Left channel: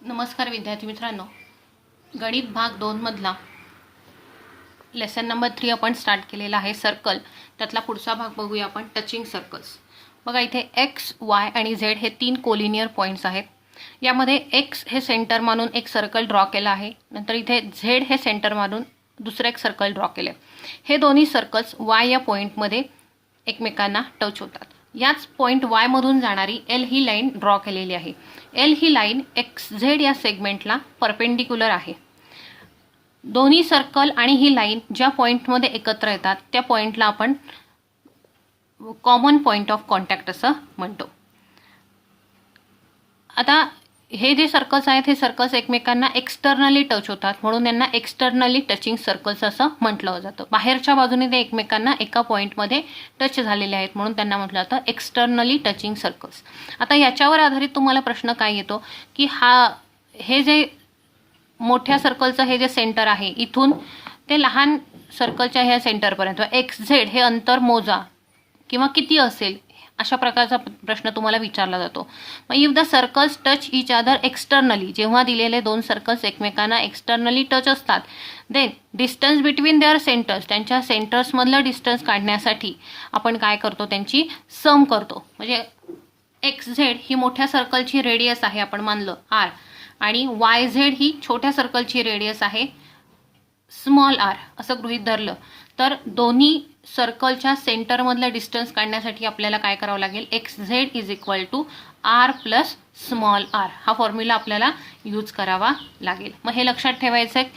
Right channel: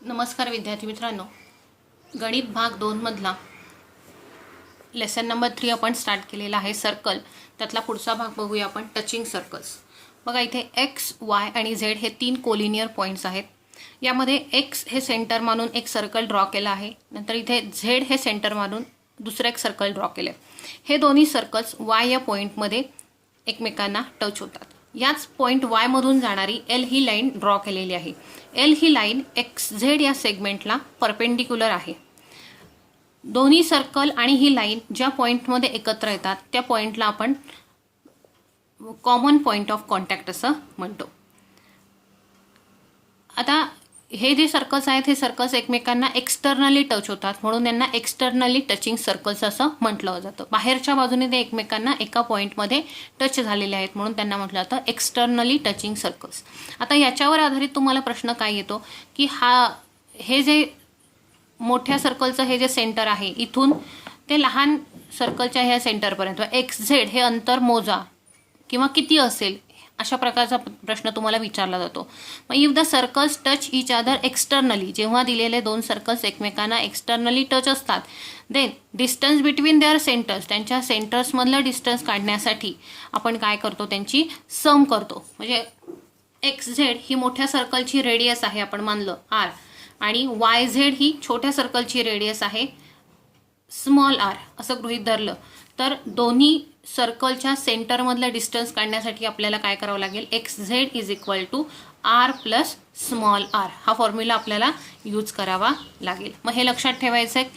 नमस्कार विद्यार्थी मित्रांनो, गणित भाग 2 मधला लेसन नंबर 3 आपण स्टार्ट केलेला आहे सर्कल. त्यातला पुढचा भाग बघूया आपण टचिंग सर्कल्स. बघा इथे एक्स, वाय आणि झेड हे 3 कोलिनियर पॉइंट्स आहेत. यामध्ये एक्स हे सेंटर मानून एक सर्कल ड्रॉ केला आहे. नंतर इथे झेड हे सेंटर मानून दुसरं एक सर्कल ड्रॉ केलं. हे दोन्ही सर्कल्स वाय या पॉइंटमध्ये एकमेकांना टच होतात. याच पॉइंट वाय मधून जाणारी एल ही लाईन ड्रॉ केलेली आहे. एल ही लाईन एक्स झेड या सेगमेंटला परपेंडिक्युलर आहे. दोन्ही सर्कल आणि ही लाईन ज्या पॉइंटमध्ये एकत्र येतात त्या पॉइंटला आपण कॉमन पॉइंट ऑफ कॉन्टॅक्ट असं म्हणतो. आता हे जे सर्कल्स आहेत हे सर्कल्स एकमेकांना एक्सटर्नली टच होतात, म्हणून यांना एक्सटर्नली टचिंग सर्कल्स असं म्हटलं जातं. बाहेरच्या बाजूने ते एकमेकांना एका पॉइंटमध्ये टच झालेले आहेत म्हणून त्यांना म्हटलं जातं एक्सटर्नली टचिंग सर्कल्स. आता याच्यावर आधारित तुम्हाला प्रश्न काय येतो की हे जे मोठ्या सर्कलचं हे जे सेंटर आहे इथून ते लहान सर्कलच्या ह्या सेंटरपर्यंत एक्स झेड हे अंतर मोजा किंवा किती असेल, अशा प्रकारचा प्रश्न तुम्हाला विचारला जातो. मग if the circles touch each other externally, जेव्हा दिलेले दोन सर्कल्स एकमेकांना एक्सटर्नली टच असतात, then distance between their centres, त्यांच्या सेंटर्स मधलं डिस्टन्स काढण्यासाठी आपण काय करतो, त्यांची सम करतो. म्हणजे एक्स झेड ही मोठ्या सर्कलची रेडियस आहे आपण मानलं आर, आणि वाय झेड ही छोट्या सर्कलची रेडियस आहे स्मॉल आर असं गृहीत धरलं तर दोन्ही सर्कलच्या सेंटरमधलं डिस्टन्स काढण्यासाठी आपल्याला काय करावं लागेल, X Z is equal to R plus small R हा फॉर्म्युला आपल्याला यूज करावा लागेल. मग हे लक्षात ठेवायचं आहे,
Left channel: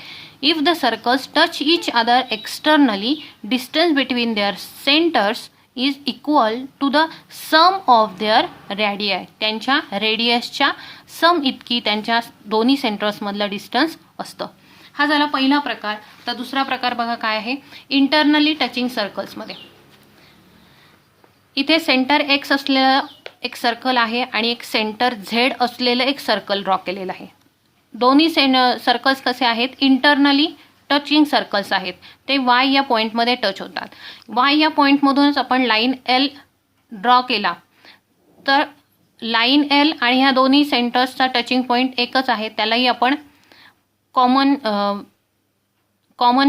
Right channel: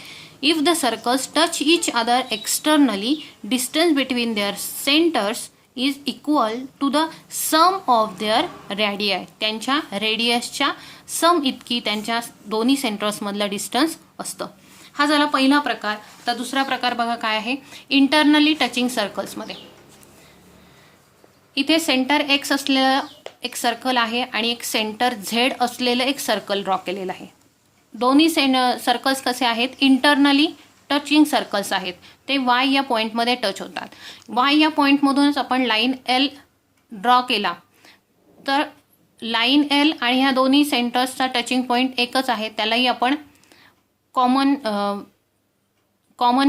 if the circles touch each other externally distance between their centres is equal to the sum of their radii, त्यांच्या रेडियसच्या सम इतकी त्यांच्या दोन्ही सेंटर्समधलं डिस्टन्स असतं. हा झाला पहिला प्रकार. तर दुसरा प्रकार बघा काय आहे, इंटरनली टचिंग सर्कल्समध्ये. इथे सेंटर एक्स असलेलं एक सर्कल आहे आणि एक सेंटर झेड असलेलं एक सर्कल ड्रॉ केलेलं आहे. दोन्ही सर्कल्स कसे आहेत, इंटरनली टचिंग सर्कल्स आहेत. ते वाय या पॉइंटमध्ये टच होतात. वाय या पॉइंटमधूनच आपण लाईन एल ड्रॉ केला तर लाईन एल आणि ह्या दोन्ही सेंटर्सचा टचिंग पॉइंट एकच आहे, त्यालाही आपण कॉमन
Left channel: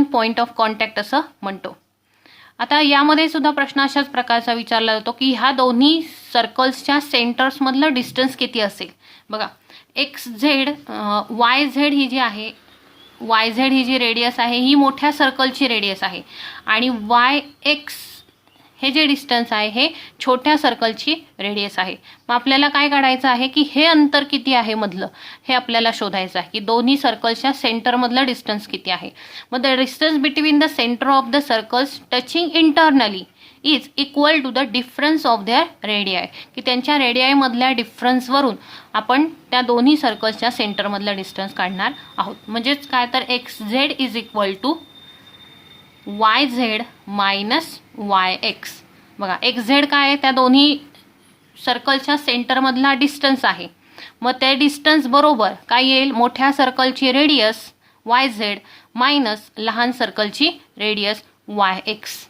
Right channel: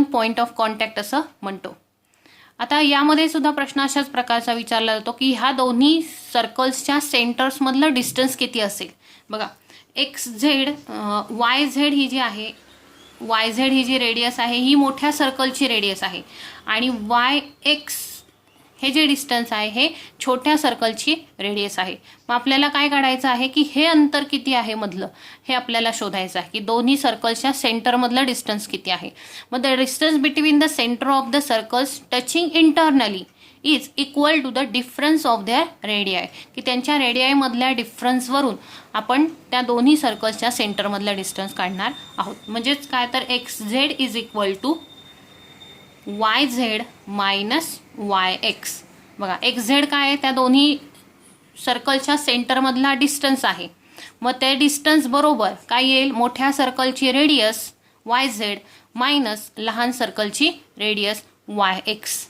पॉइंट ऑफ कॉन्टॅक्ट असं म्हणतो. आता यामध्ये सुद्धा प्रश्न अशाच प्रकारचा विचारला जातो की ह्या दोन्ही सर्कल्सच्या सेंटर्स मधलं डिस्टन्स किती असेल. बघा एक्स झेड वाय झेड ही जी आहे, वाय झेड ही जी रेडियस आहे ही मोठ्या सर्कलची रेडियस आहे आणि वाय एक्स हे जे डिस्टन्स आहे हे छोट्या सर्कलची रेडियस आहे. मग आपल्याला काय काढायचं आहे की हे अंतर किती आहे मधलं हे आपल्याला शोधायचं आहे की दोन्ही सर्कल्सच्या सेंटर मधलं डिस्टन्स किती आहे. मग the distance between the centre of the circles touching internally is equal to the difference of their radii, की त्यांच्या रेडियाय मधल्या डिफरन्सवरून आपण त्या दोन्ही सर्कल्सच्या सेंटर मधलं डिस्टन्स काढणार आहोत. म्हणजेच काय तर X Z is equal to Y Z minus Y X. बघा एक्स झेड काय आहे, त्या दोन्ही सर्कलच्या सेंटरमधला डिस्टन्स आहे. मग ते डिस्टन्स बरोबर काय येईल, मोठ्या सर्कलची रेडियस वाय झेड मायनस लहान सर्कलची रेडियस वाय एक्स.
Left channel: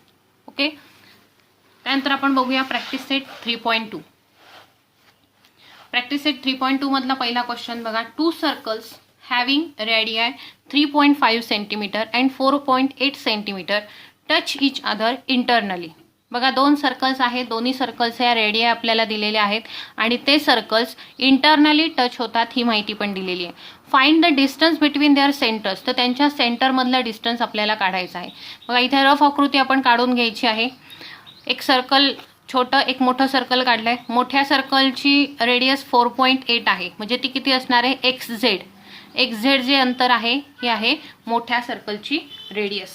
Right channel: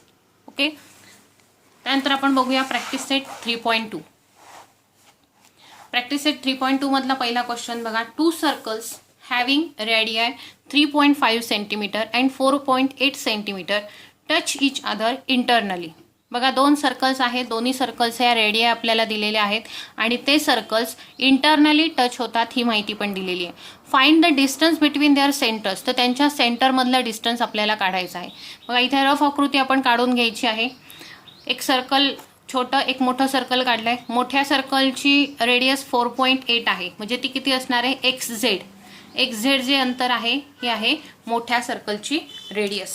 ओके, त्यानंतर आपण बघूया प्रॅक्टिस सेट 3.2. प्रॅक्टिस सेट 3.2 मधला पहिला क्वेश्चन बघा, two circles having radii 3.5 centimetre and 4.8 centimetre touch each other internally. बघा दोन सर्कल्स आहेत, दोन्ही सर्कल्स या रेडियाय आपल्याला दिलेल्या आहेत आणि ते सर्कल्स इंटरनली टच होतात ही माहिती पण दिलेली आहे. Find the distance between their centres, तर त्यांच्या सेंटरमधला डिस्टन्स आपल्याला काढायचा आहे. बघा इथे रफ आकृती आपण काढून घ्यायची आहे. एक सर्कल छोटं एक मोठं सर्कल काढलंय. मोठ्या सर्कलची रेडियस 4.8 आहे, म्हणजे ती किती असणार आहे, एक्स झेड. एक्स झेड जे अंतर आहे हे आहे मोठ्या सर्कलची रेडियस,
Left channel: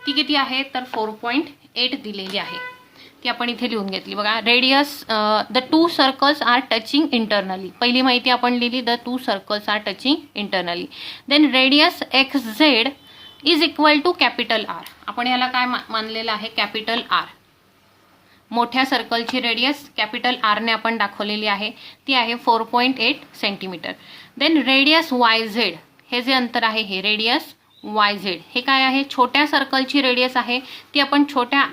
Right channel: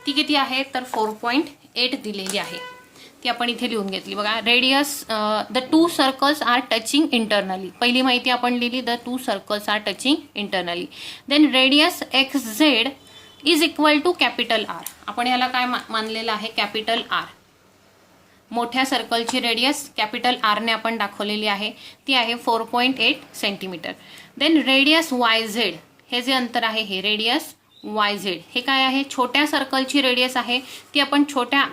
ती किती आहे तर 4.8 दिलेली आहे, ती आपण इथे लिहून घेतली. बघा radius the two circles are touching internally, पहिली माहिती आपण लिहिली, the two circles are touching internally. Then radius X Z is equal to capital R, आपण याला काय मानलेलं आहे, कॅपिटल आर. मोठ्या सर्कलची रेडियस कॅपिटल आर ने आपण दाखवलेली आहे, ती आहे 4.8 centimetre. Then radius Y Z, हे जे अंतर आहे हे रेडियस वाय झेड हे काय आहे, छोट्या सर्कलची रेडियस आहे, ती आपण छोट्या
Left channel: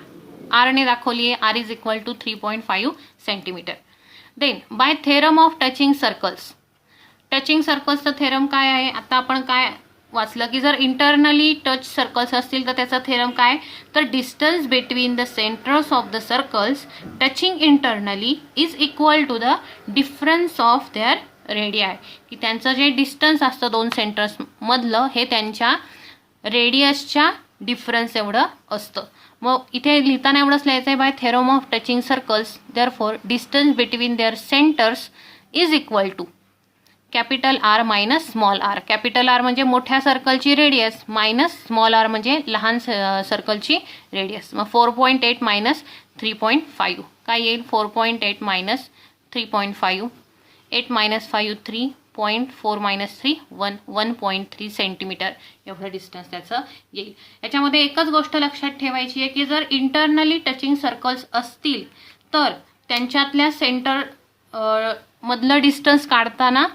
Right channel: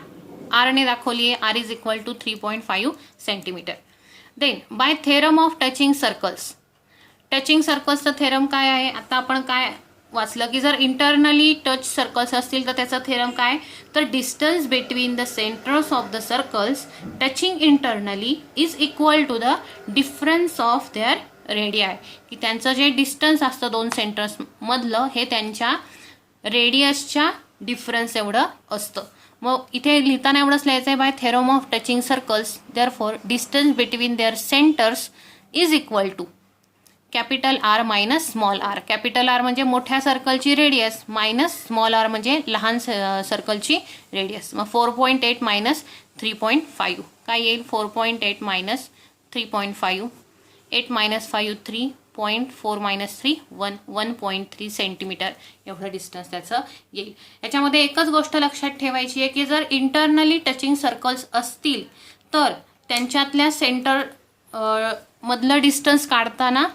आर ने दाखवली आहे, R is equal to 3.5 centimetre. Then by theorem of touching circles, touching सर्कल्सचा थेरम काय आहे? आता आपण काय वाचलं की जर इंटरनली टच सर्कल्स असतील तर त्याचा थेरम काय? तर distance between the centres of the circles touching internally is equal to the difference of their radii, की त्यांचं जे डिस्टन्स असतं दोन सेंटर्स मधलं हे त्यांच्या रेडियसच्या डिफरन्स एवढं असतं. मग इथे लिहिताना एवढंच लिहायचं आहे, by theorem of touching circles therefore distance between their centres is equal to capital R minus small r. Capital R म्हणजे मोठ्या सर्कलची रेडियस मायनस स्मॉल आर म्हणजे लहान सर्कलची रेडियस. मग 4.8 मायनस 3.5 काय येईल? 4.8 मायनस 3.5, 8 मायनस 5 3.4 मायनस 3 1.3 सेंटीमीटर एवढं डिस्टन्स त्याचं येईल. याच्यामध्ये एकच गोष्ट लक्षात ठेवायची आहे की जर इंटरनली टचिंग सर्कल्स असतील तर त्यांच्यातल्या सेंटर मधलं डिस्टन्स काढताना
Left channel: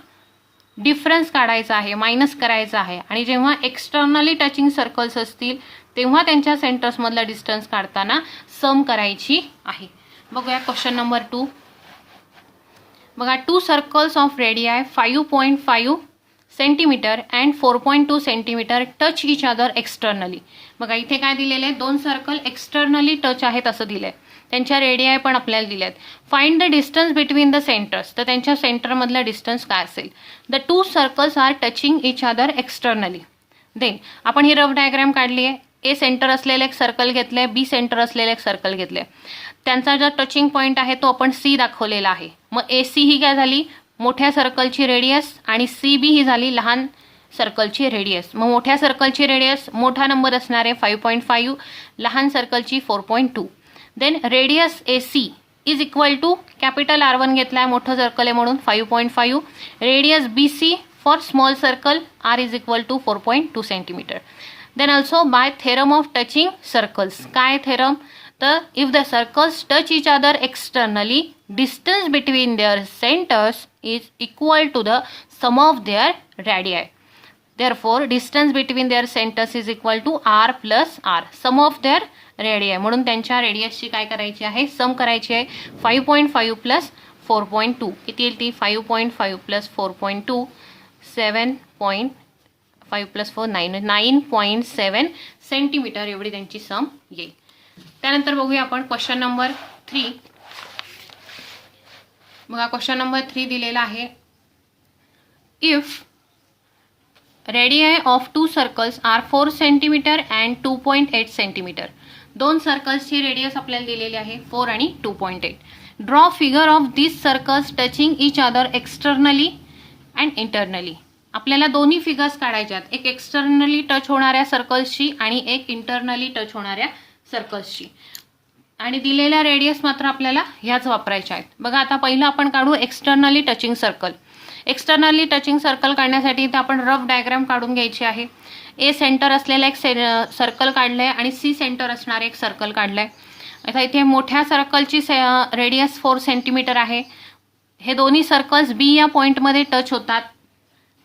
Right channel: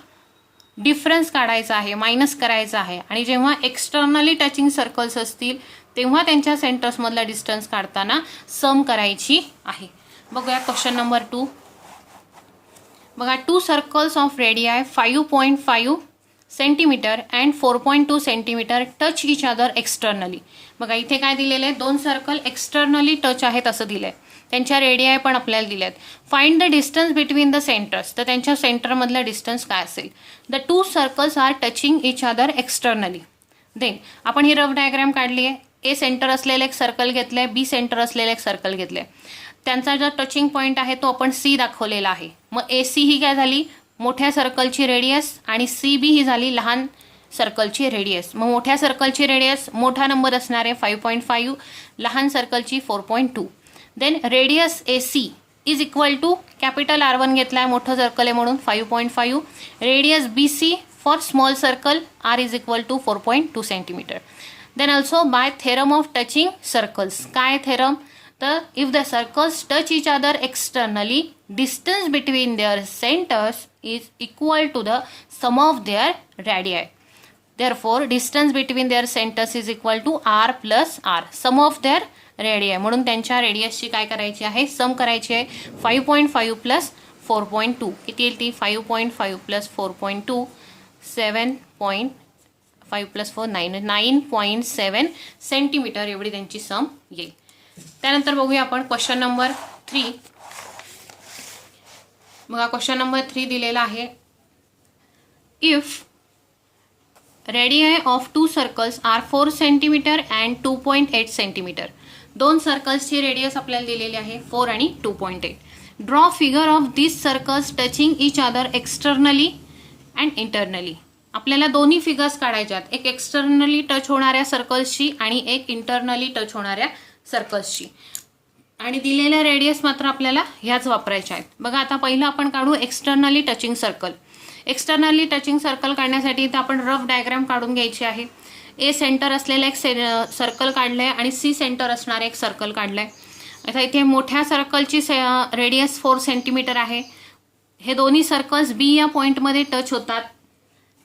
डिफरन्स काढायचा आहे, मायनस करायचा आहे. आणि जेव्हा एक्सटर्नली टचिंग सर्कल्स असतील तेव्हा त्यांच्या सेंटर्स मधला डिस्टन्स काढताना सम करायची आहे. बघूया क्वेश्चन नंबर 2. बघा, 2 circles of radii 5.5 centimetre and 4.2 centimetre touch each other externally. बघा इथे काय दिलेलं आहे? 2 सर्कल एक्सटर्नली टच आहेत असं दिलंय. त्यांच्या रेडियाय पण आपल्याला दिल्यात. Find the distance between the centres. तर त्यांच्या सेंटर मधला डिस्टन्स काय असेल? The 2 circles are touching each other externally. Then आपण ही रफ डायग्राम काढली आहे. ए सेंटर असलेलं एक सर्कल घेतलंय, बी सेंटर असलेलं एक सर्कल घेतलंय. त्यांचा जो टचिंग पॉइंट आहे तो आपण सी दाखवलेला आहे. मग एसी ही काय झाली? मोठ्या सर्कलची रेडियस आणि सी बी ही झाली लहान सर्कलची रेडियस. मग मोठ्या सर्कलची रेडियस मोठा नंबर असणार आहे 5.5, लहान सर्कलची 4.2. Then radius AC is equal to capital R1 घेतलाय, मोठं सर्कल आहे म्हणून 5.5. Radius BC for small circle R is equal to 4.2 centimetre. Then also by theorem of touching circles. काय थेरम? तर if the circles touch each other externally distance between their centres is equal to the sum of their radii. Therefore distance between their centres is equal to R plus R, sum of their radii. म्हणून त्यांच्या रेडियसची काय करायची आहे? सम करायची आहे. 5.5 plus 4.2 किती येईल ती? 5.5 प्लस 4.2 7.5 प्लस 4 9.7 सेंटीमीटर एवढी त्यांची सम येईल. त्यानंतर बघूया आपण क्वेश्चन नंबर 3. बघा क्वेश्चन नंबर 3 दिलेला आहे. If radii of 2 circles are 4 centimetre and 2.8 centimetre. 2 सर्कल्सची रेडियस आपल्याला दिलेली आहे 4 आणि 2.8. Draw figure of this circles touching each other externally and internally. आपल्याला दोन्ही फिगर्स काढायच्यात, एक एक्सटर्नली टच होणाऱ्या सर्कल्सची आणि एक इंटरनली टच होणाऱ्या सर्कल्सची. आणि दिलेल्या रेडियस मात्र आपल्याला ह्याच वापरायच्या आहेत. बघा आता पहिलं आपण काढू externally touching circle. Externally touching circle काढण्यासाठी इथे आपण रफ डायग्राम काढून घ्यायची आहे. ए सेंटर असलेलं एक सर्कल काढलंय आणि सी सेंटर असणारं एक सर्कल काढलंय. आता इथे मोठ्या सर्कलची रेडियस 4 सेंटीमीटर आहे. हे दोन्ही सर्कल्स बी या पॉइंटमध्ये टच होतात.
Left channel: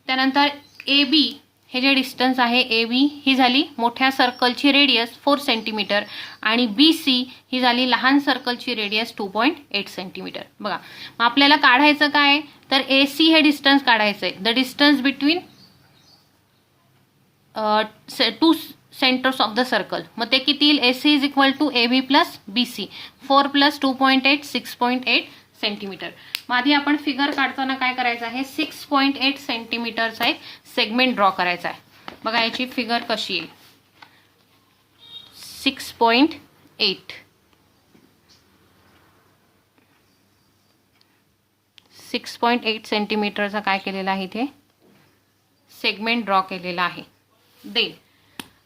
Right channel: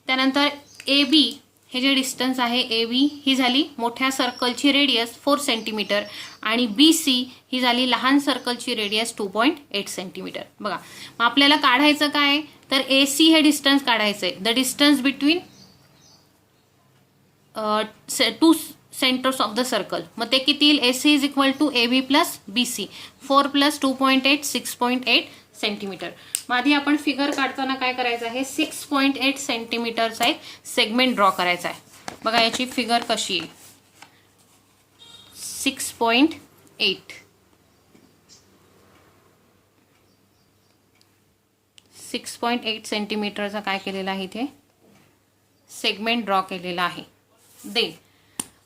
त्यानंतर ए बी हे जे डिस्टन्स आहे ए बी ही झाली मोठ्या सर्कलची रेडियस 4 सेंटीमीटर आणि बी सी ही झाली लहान सर्कलची रेडियस 2.8 सेंटीमीटर. बघा मग आपल्याला काढायचं काय? तर ए सी हे डिस्टन्स काढायचं आहे. The distance between 2 centres of the circle. मग ते किती येईल? AC is equal to AB plus BC. 4 plus 2.8 6.8 centimetre. मग आधी आपण फिगर काढताना काय करायचं आहे? 6.8 सेंटीमीटरचा एक सेगमेंट ड्रॉ करायचा आहे. बघा याची फिगर कशी येईल? 6.8 सेंटीमीटरचा काय केलेला आहे? इथे सेगमेंट ड्रॉ केलेला आहे. देन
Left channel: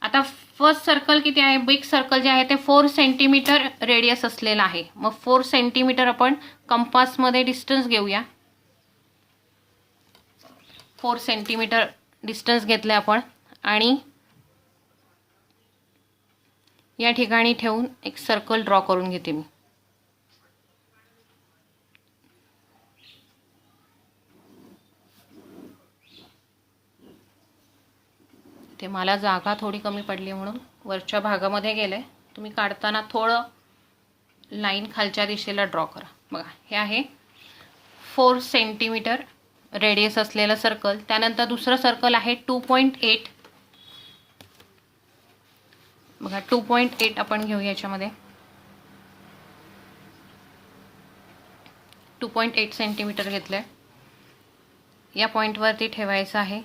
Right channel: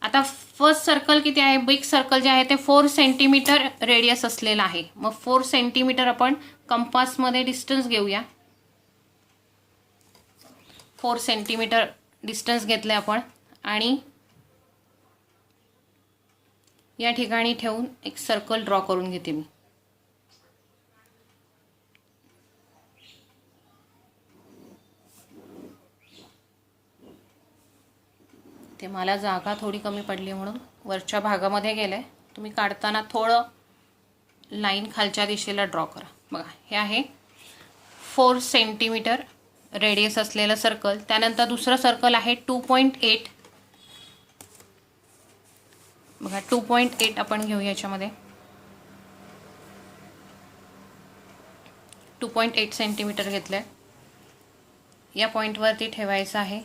आता फर्स्ट सर्कल किती आहे? बिग सर्कल जे आहे ते 4 सेंटीमीटर रेडियस असलेलं आहे. मग 4 सेंटीमीटर आपण कंपासमध्ये डिस्टन्स घेऊया. 4 सेंटीमीटर डिस्टन्स घेतलं आपण आणि या ठिकाणी ठेवून एक सर्कल ड्रॉ करून घेते मी. ते मला जागा थोडी कमी पडली म्हणून वरच्या भागामध्ये गेले. तुम्ही काढताना थोडं लाईन खालच्या दिशेला ड्रॉ करा. बघा हे आहे 4 सेंटीमीटर रेडियस असलेलं सर्कल. त्यानंतर दुसरं सर्कल आहे 2.8. बघा 2.8 आपण घेऊ याच्यामध्ये. 2.8 सेंटीमीटर घेतलंय. या पॉइंटवरती ठेवायचं आहे.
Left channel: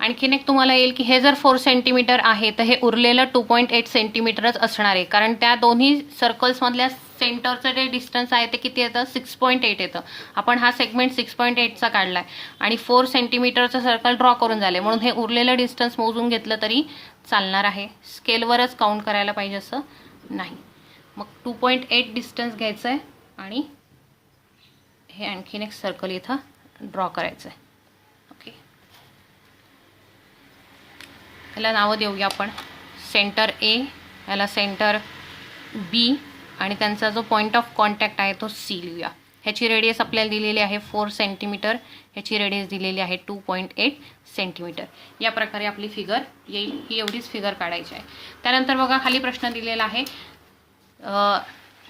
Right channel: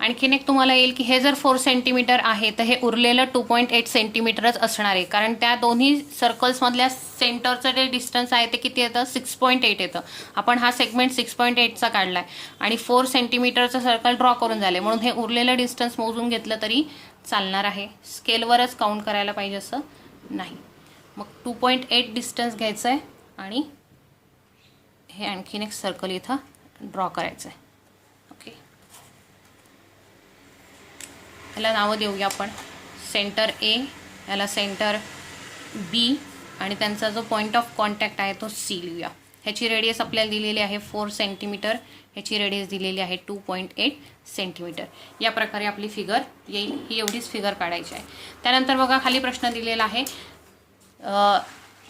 आणखीन एक तुम्हाला येईल की हे जर 4 सेंटीमीटर आहे तर हे उरलेलं 2.8 सेंटीमीटरच असणार आहे, कारण त्या दोन्ही सर्कल्स मधल्या सेंटरचं जे डिस्टन्स आहे ते किती येतं, 6.8 येतं. आपण हा सेगमेंट 6.8चा काढलाय आणि 4 सेंटीमीटरचं सर्कल ड्रॉ करून झाले, म्हणून हे उरलेलं डिस्टन्स मोजून घेतलं तरी चालणार आहे. स्केलवरच काउंट करायला पाहिजे असं नाही. मग 2.8 डिस्टन्स घ्यायचं आहे आणि हे आणखीन एक सर्कल इथं ड्रॉ करायचं आहे. ओके, याला नावं देऊया आपण. सेंटर ए, याला सेंटर बी आणि त्यांचा जो पॉईंट ऑफ कॉन्टॅक्ट आहे तो सी लिहूया. ह्याची रेडियस आपल्याला दिलेली आहे 4 सेंटीमीटर, ह्याची रेडियस दिलेली आहे 2.8 सेंटीमीटर. या प्रकारे आपली फिगर येईल. ही एवढीच फिगर काढायची आहे. त्यानंतर बघा खाली प्रश्न दिलेला आहे.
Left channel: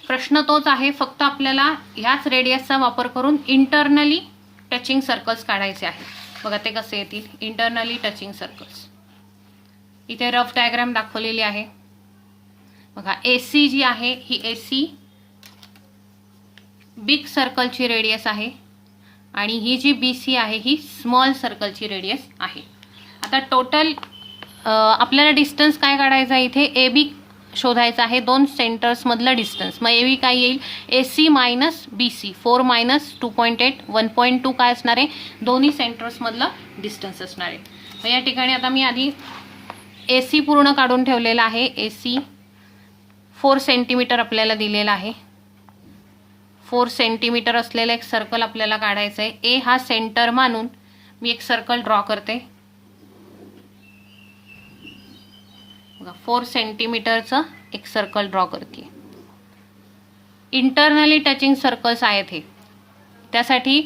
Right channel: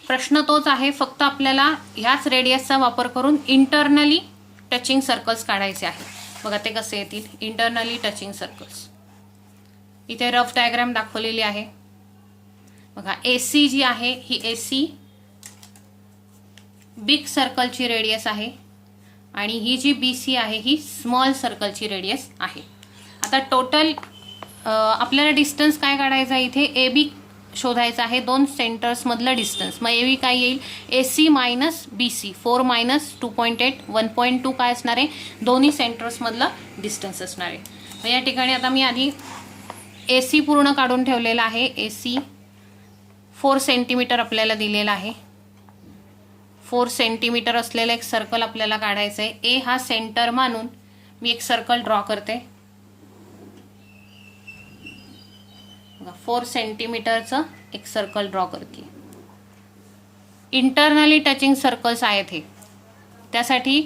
प्रश्न तोच आहे, फक्त आपल्याला ह्याच रेडियसचा वापर करून इंटरनली टचिंग सर्कल्स काढायचे आहे. बघा ते कसे येतील, इंटरनली टचिंग सर्कल्स. इथे रफ डायग्राम दाखवलेली आहे. बघा एसी जी आहे ही एसी बिग सर्कलची रेडियस आहे आणि ही जी बीसी आहे ही स्मॉल सर्कलची रेडियस आहे. आता टोटल आपल्याला डिस्टन्स काय काढायचा आहे, इथे ए बी शोधायचा आहे, दोन सेंटर्स मधलं डिस्टन्स. मग ए बी काय येईल, एसी मायनस बीसी, 4 मायनस 2.8, 1.2 काय असणार आहे, दोन्ही सेंटर्स मधलं डिस्टन्स असणार आहे. मग या ठिकाणी आता मी आधी एसी पूर्ण काढून ठेवलेला आहे. एसी 4 सेंटीमीटर आपल्याला दिलेला आहे. 4 सेंटीमीटर असलेलं एक सर्कल आपल्याला काढायचं आहे. ए हा सेंटर मानून मी एक सर्कल ड्रॉ करते. 4 सेंटीमीटरचं एक सर्कल ड्रॉ करते. इंटरनली टचिंग सर्कल्स आहेत हे. त्यासाठी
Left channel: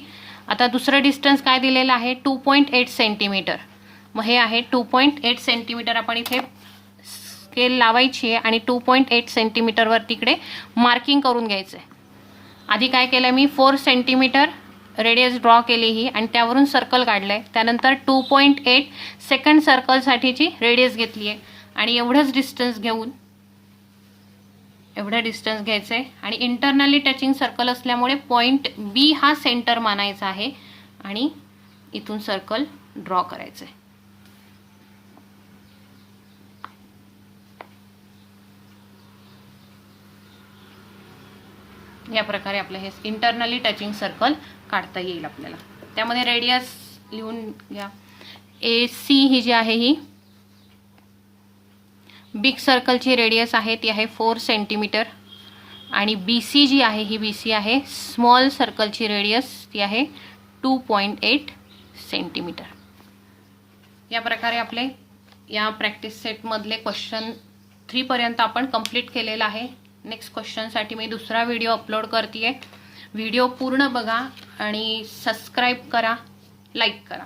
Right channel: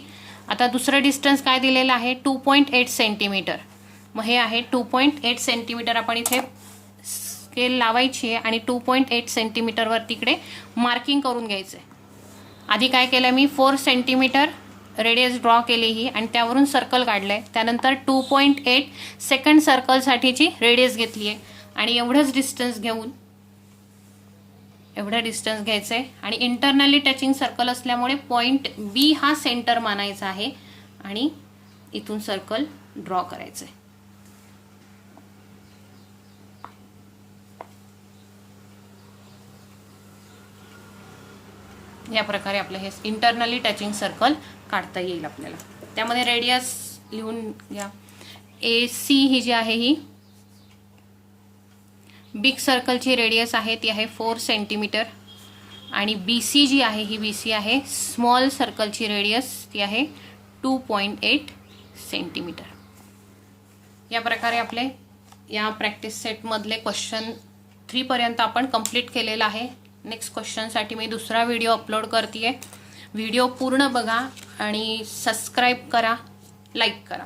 आता दुसरं डिस्टन्स काय दिलेलं आहे, 2.8 सेंटीमीटर. मग हे आहे 2.8 सेंटीमीटर. आपण इथे स्केल लावायची आहे आणि 2.8 सेंटीमीटरवर तिकडे मार्किंग करून घ्यायचंय. आधी काय केलं मी, 4 सेंटीमीटर रेडियस ड्रॉ केली ही आणि त्यावरून सर्कल काढलंय. त्यानंतर 2.8 सेकंड सर्कलसाठीची रेडियस घेतली आहे आणि एवढंच डिस्टन्स घेऊन एवढं डिस्टन्स घ्यायचंय आणि इंटरनली टचिंग सर्कल असल्यामुळे पॉइंट बी हा सेंटर मानायचा आहे आणि इथून सर्कल ड्रॉ करायचंय. या प्रकारे आपलं हे इंटरनली टचिंग सर्कल काढता येईल आपल्याला. त्यामध्ये रेडियस लिहून घ्या. ए सी ही जी आहे ही बिग सर्कलची रेडियस आहे, ती आहे 4 सेंटीमीटर आणि बीसी जी आहे ही बीसी आहे स्मॉल सर्कलची रेडियस, ती आहे 2.8 सेंटीमीटर. या प्रकारे आपले या प्रॅक्टिस सेट मधले क्वेश्चन 3 पर्यंत आपण कंप्लीट केलेला आहे. नेक्स्ट क्वेश्चनसाठी मी दुसरा व्हिडिओ अपलोड करते. व्हिडिओ पूर्ण बघा आणि सबस्क्राईब करा, लाईक करा.